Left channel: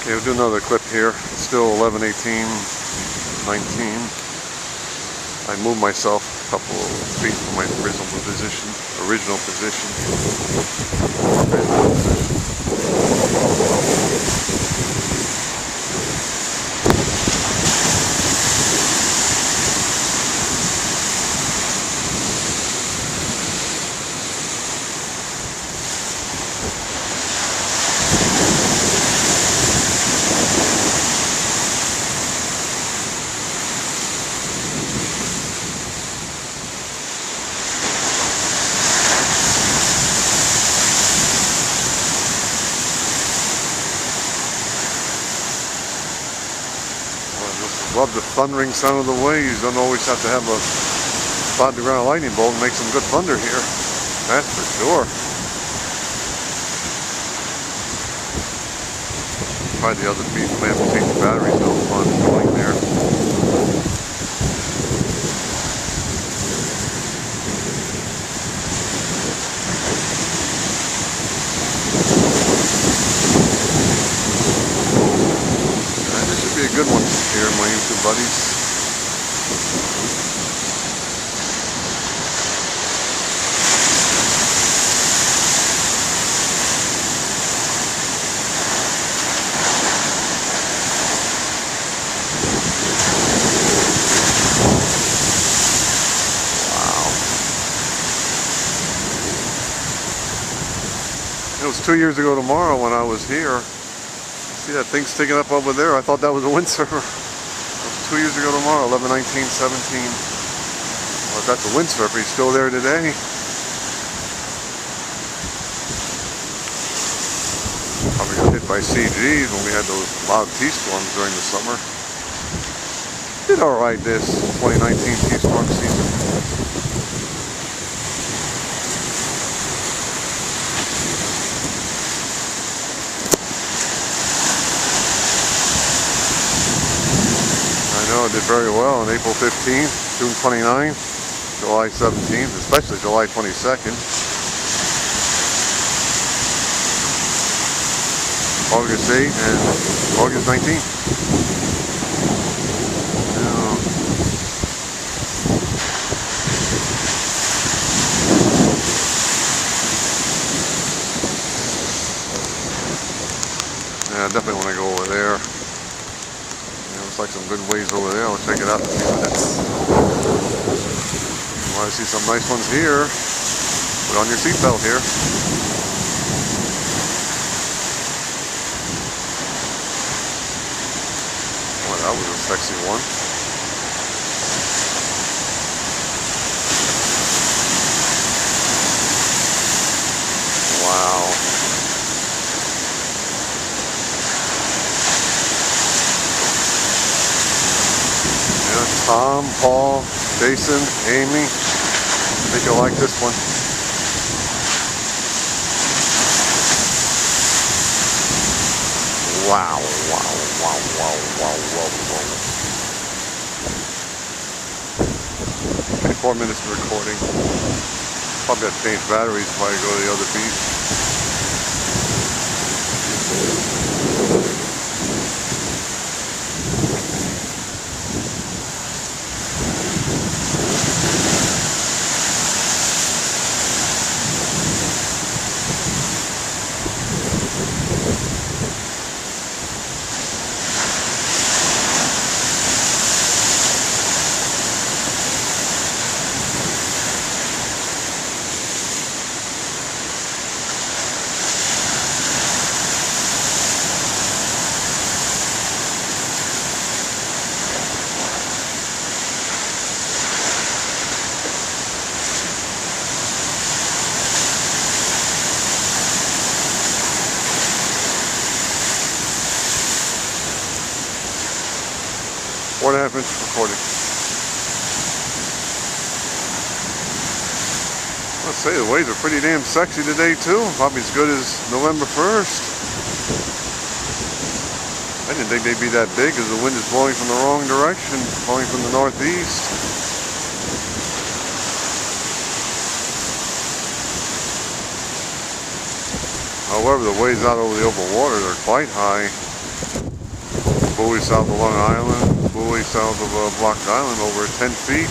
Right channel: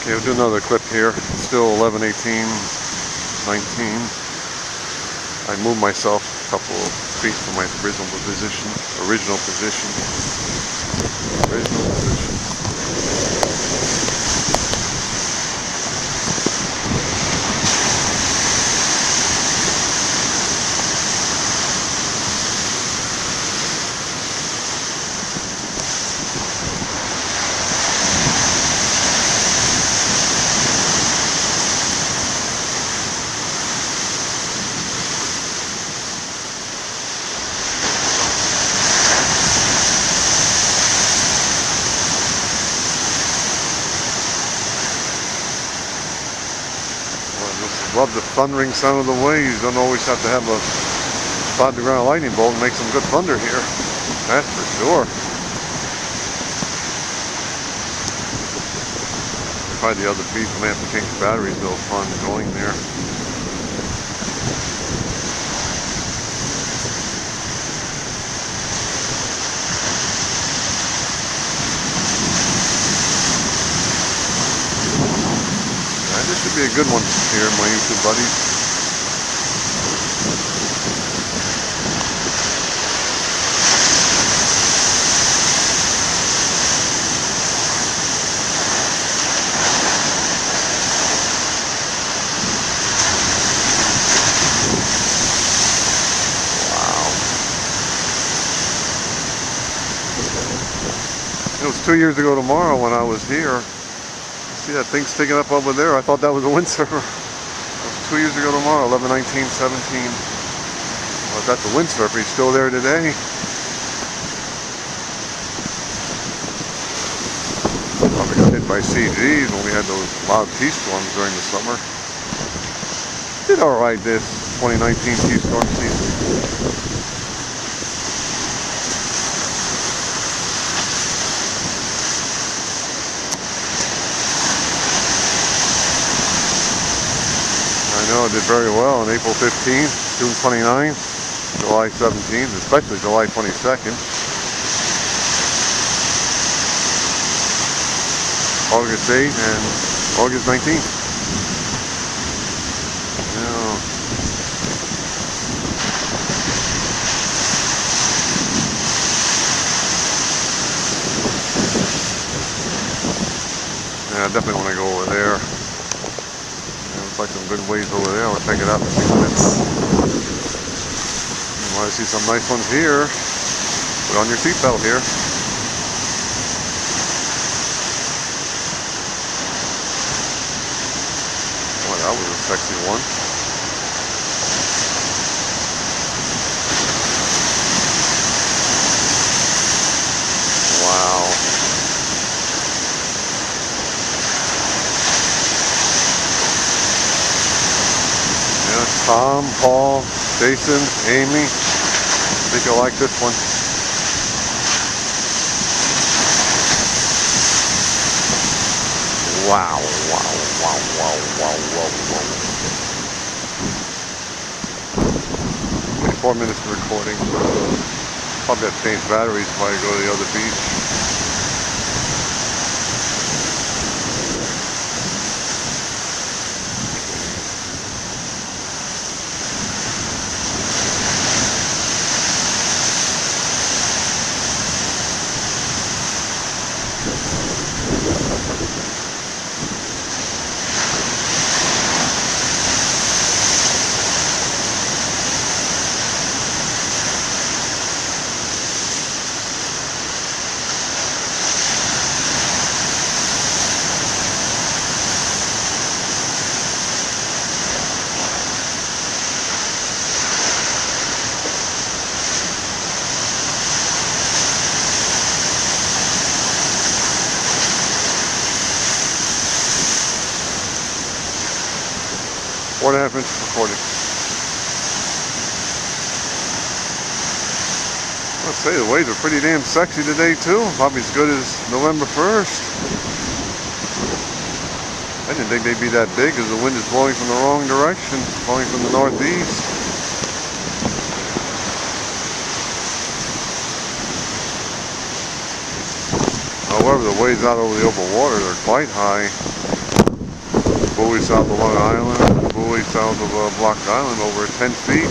Okay, we'll do another clip here. Still 11:18, 19. I moved myself a couple of feet from my original position. Love the thundering sound of the waves. Don't always have to have a spot the ground lightning bolt and make some good thunder here. That's for sure. Probably the other feet may have to change the batteries. No fun going there. This should be a good one here, my YouTube buddies. Wow. It was 2 years ago tomorrow when I was here. See that thing sticking up over there? I thought that was a windsurfer. That was 2 years ago tomorrow, 11/19/17. Well, that's a windsurfer. He's still there today. Probably got hit by CGs when we had those loud T-storms during the summer. Did alright this 2019 T-storm season. I know it did very well on April 15th, June 29th, July 17th, especially July 22nd, August 8th, and August 19th. Yeah, I definitely want to go over there. Looks like some good waves over there. I'll check it out in a few minutes. You want to see some nice ones here? Put on your seatbelt here. Boy, that was a sexy one. Wow. Tom, Paul, Jason, Amy. I think you'll like this one. Wow, wow, wow, wow, wow, wow, wow. Okay, 4 minutes of recording. Probably have to change batteries if I go to the other beach. Four and a half inch recording. I'll say the waves are pretty damn sexy today too. Probably as good as November 1st. I didn't think they'd be that big because the wind is blowing from the wrong direction, blowing from the northeast. However, the waves out over the open water are quite high. buoy south of Long Island, buoy south of Block Island over 10 feet.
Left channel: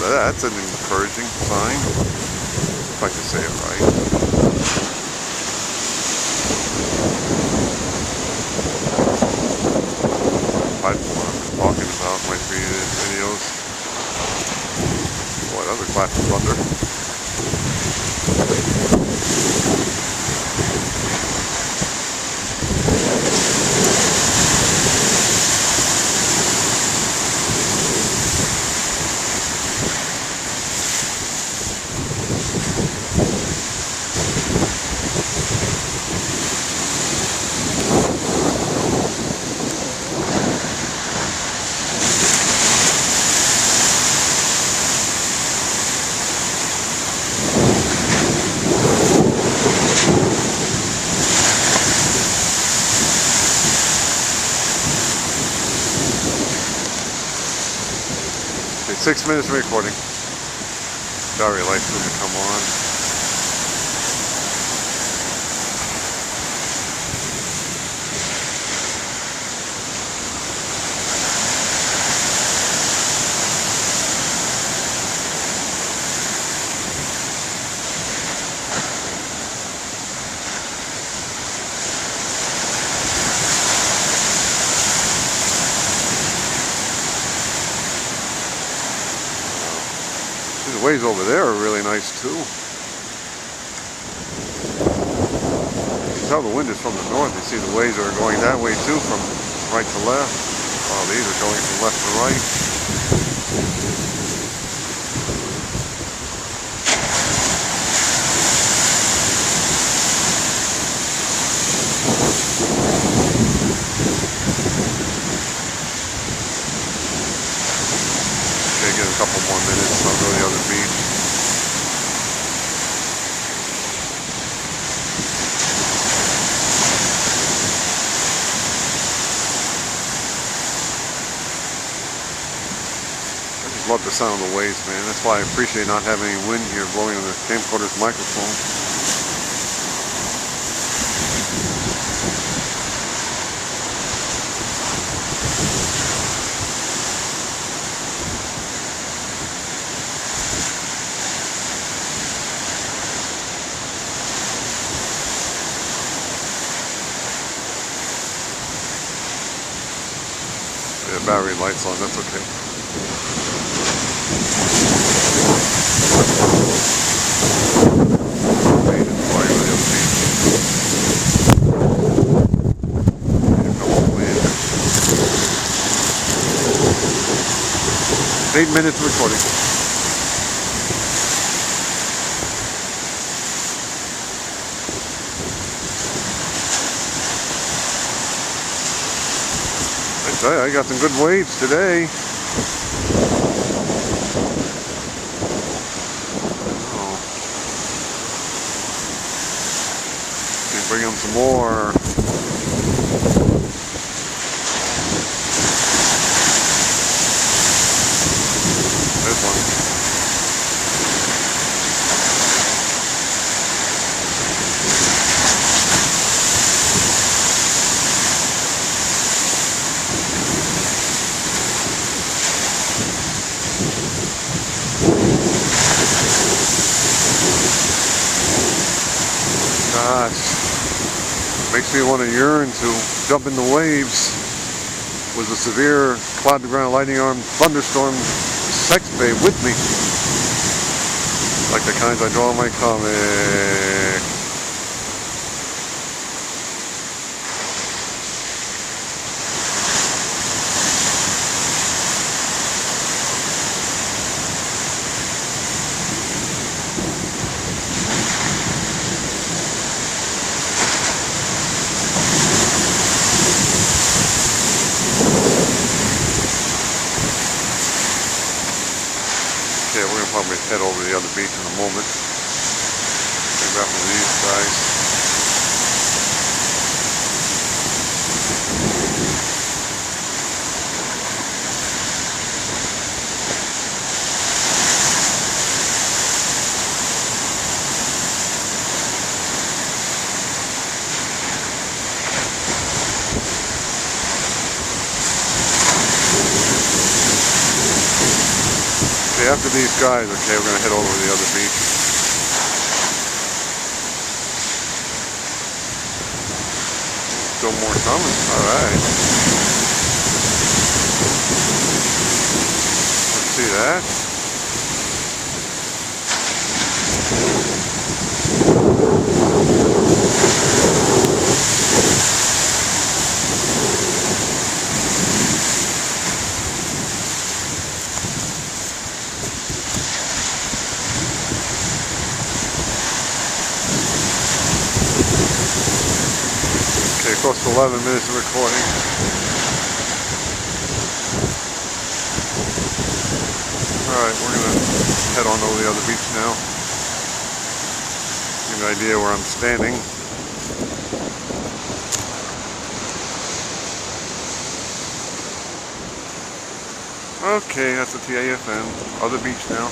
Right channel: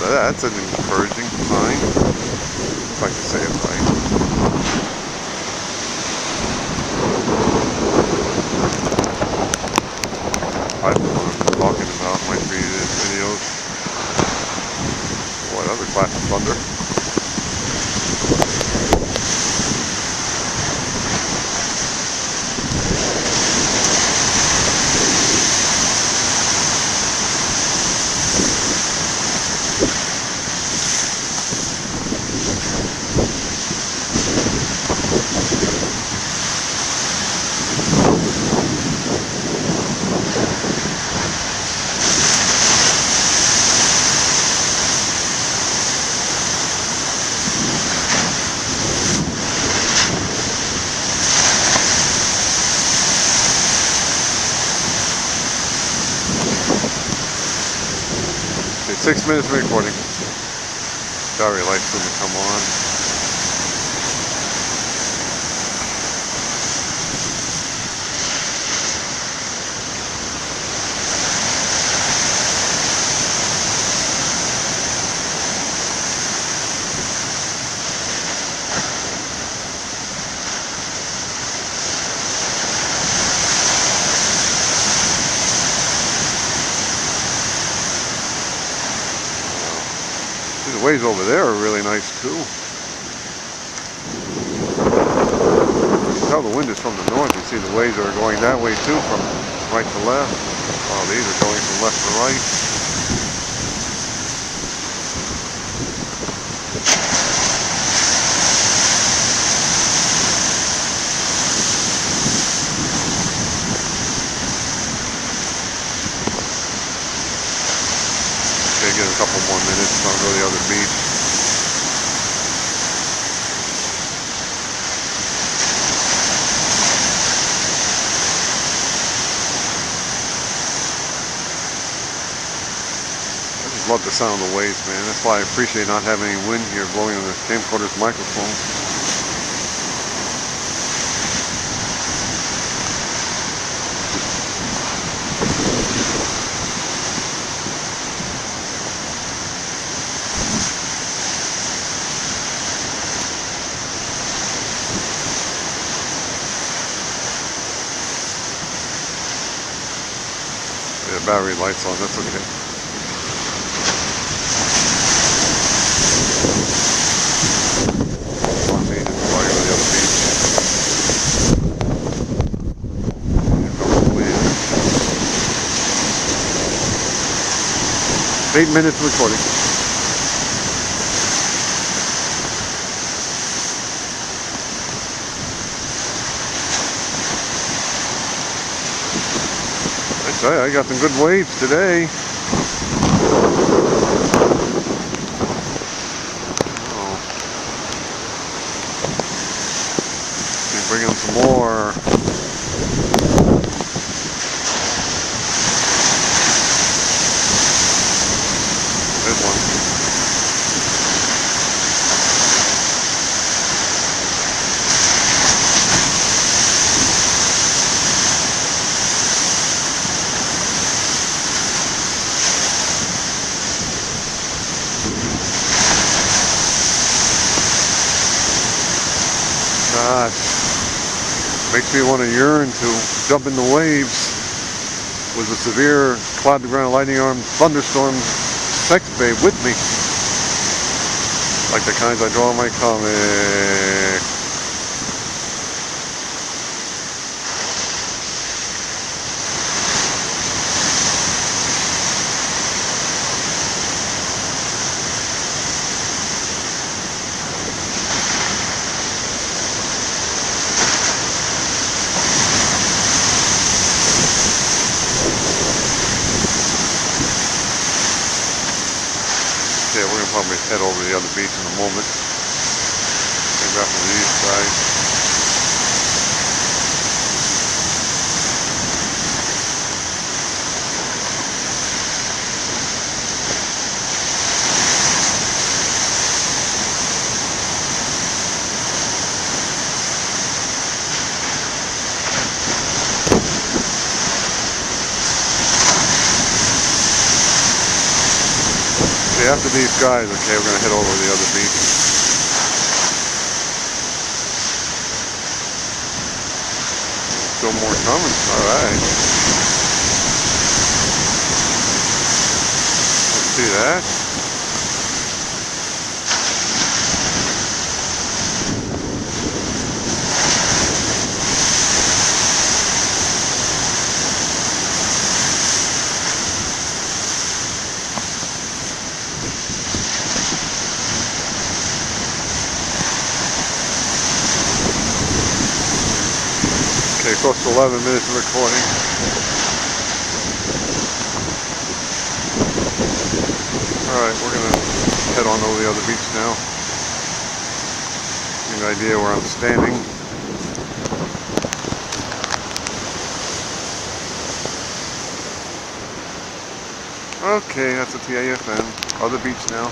That's an encouraging sign, if I can say it right. Platform I'm talking about might be these videos. Boy, that was a clap of thunder. 6 minutes of recording. Battery light's going to come on. The waves over there are really nice too. You can tell the wind is from the north. You see the waves are going that way too, from right to left. Oh, these are going from left to right. Okay, get a couple more minutes, I'll go to the other beach. I just love the sound of the waves, man. That's why I appreciate not having any wind here blowing on the camcorder's microphone. Yeah, battery light's on, that's okay. Made it flying to the other beach. Here comes the wind. 8 minutes of recording. I got some good waves today. Oh. Let's bring in some more. There's one. Gosh, makes me want to yearn to jump in the waves with a severe cloud to ground lightning arm thunderstorm sex babe with me, like the kinds I draw in my comic. Yeah, we're going to probably head over to the other beach in a moment. Maybe after these guys. Okay, after these guys, okay, we're going to head over to the other beach. Still more coming. Alright. Let's see that. Okay, close to 11 minutes of recording. Alright, we're going to head on over the other beach now. Give you an idea where I'm standing. Okay, that's the TAFN. Other beach now.